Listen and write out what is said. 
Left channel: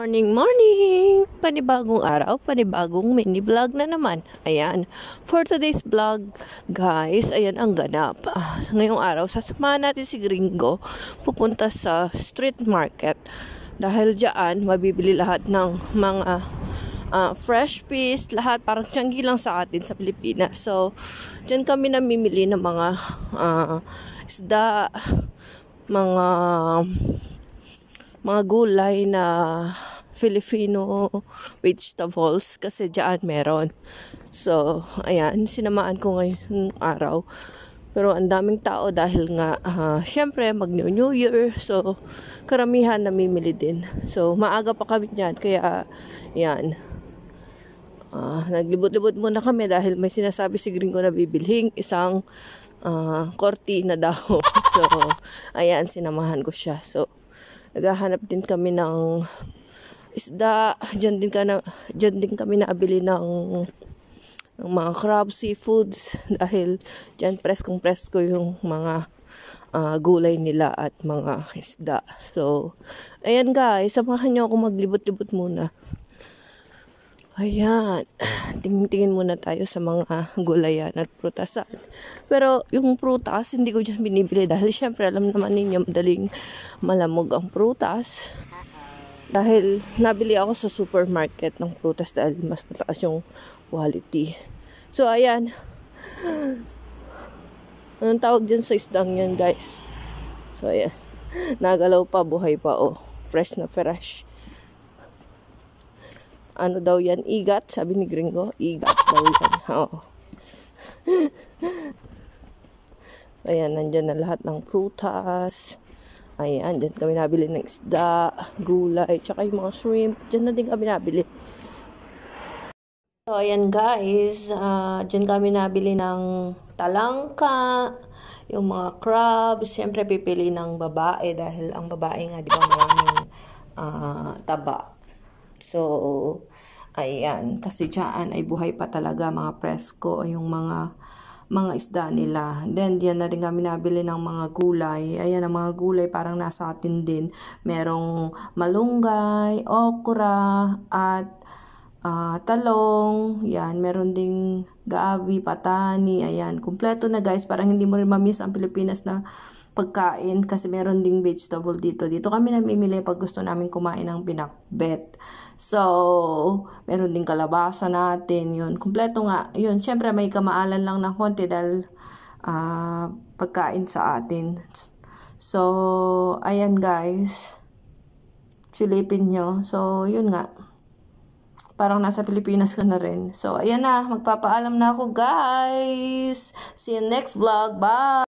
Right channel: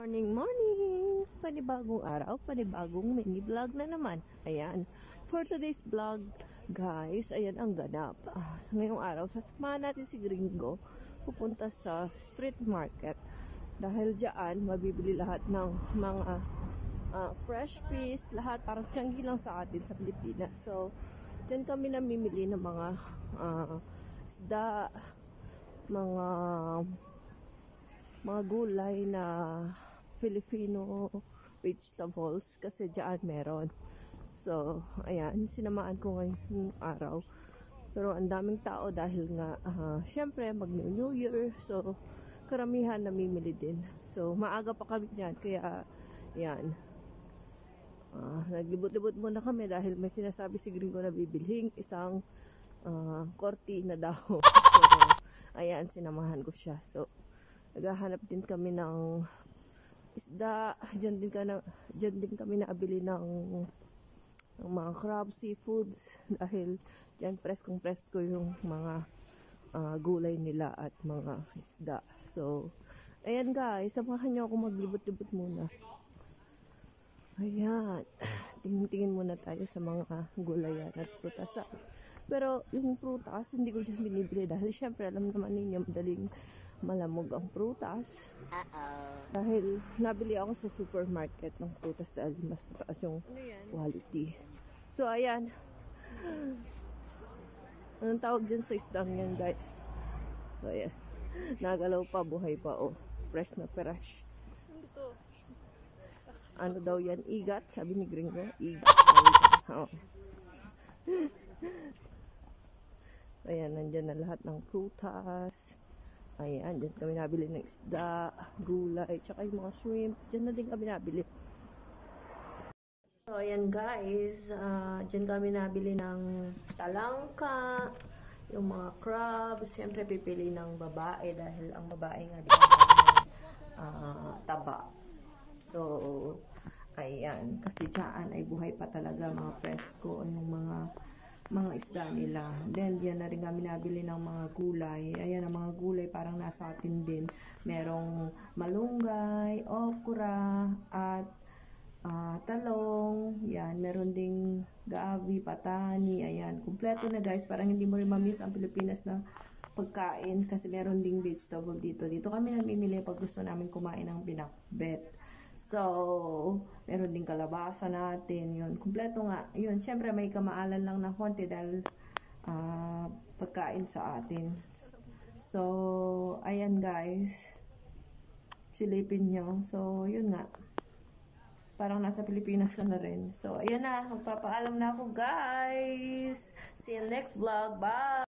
Morning, morning! Panibagong araw, panibagong mini vlog na naman. Ayan, for today's vlog, guys, ayan ang ganap. Ngayong araw, sasamahan natin si Gringo pupunta sa street market. Dahil diyan, mabibili lahat ng mga fresh fish, lahat parang tiyanggi lang sa atin sa Pilipinas. So, diyan kami namimili ng mga isda, mga gulay na Filipino vegetables kasi diyan meron. So, ayan, sinamaan ko ngayong araw. Pero ang daming tao dahil nga, syempre, mag-New Year. So, karamihan namimili din. So, maaga pa kami dyan. Kaya, yan. Naglibot-libot muna kami dahil may sinasabi si Gringo na bibilhin isang kortina daw. So, ayan, sinamahan ko siya. So, naghahanap din kami ng isda. Diyan din kami naabili ng mga crab, seafoods. Dahil diyan preskong-presko yung mga gulay nila at mga isda. So, ayan guys, samahan nyo ako maglibot-libot muna. Ayan, tingin muna tayo sa mga gulayan at prutasan. Pero yung prutas, hindi ko dyan binibili dahil syempre alam naman ninyo madaling malamog ang prutas. Dahil nabili ako sa supermarket ng prutas dahil mas mataas yung quality. So ayan, anong tawag dyan sa isdang yan guys? So ayan, nagalaw pa, buhay pa fresh na fresh. Ano daw yan? Igat? Sabi ni Gringo. Igat daw yan. Ayan, nandyan na lahat ng prutas. Ayan, dyan kami nabili ng isda, gulay, tsaka yung mga shrimp. Dyan na din kami nabili. So, ayan guys. Dyan kami nabili ng talangka, yung mga crabs. Siyempre, pipili ng babae dahil ang babae nga, di ba, maraming taba. So, ayan, kasi dyan ay buhay pa talaga, mga presko, yung mga isda nila. Then, diyan na rin kami nabili ng mga gulay. Ayan, ang mga gulay parang nasa atin din. Merong malunggay, okra, at talong. Yan, meron ding gabi, patani. Ayan, kumpleto na guys. Parang hindi mo rin mamiss ang Pilipinas na pagkain kasi meron ding vegetable dito. Dito kami namimili pag gusto namin kumain ng pinakbet. So, meron ding kalabasa natin. Yun, kumpleto nga. Yun, syempre may kamaalan lang ng konti dahil pagkain sa atin. So, ayan guys. Silipin nyo. So, yun nga. Parang nasa Pilipinas ka na rin. So, ayan na. Magpapaalam na ako guys. See you next vlog. Bye!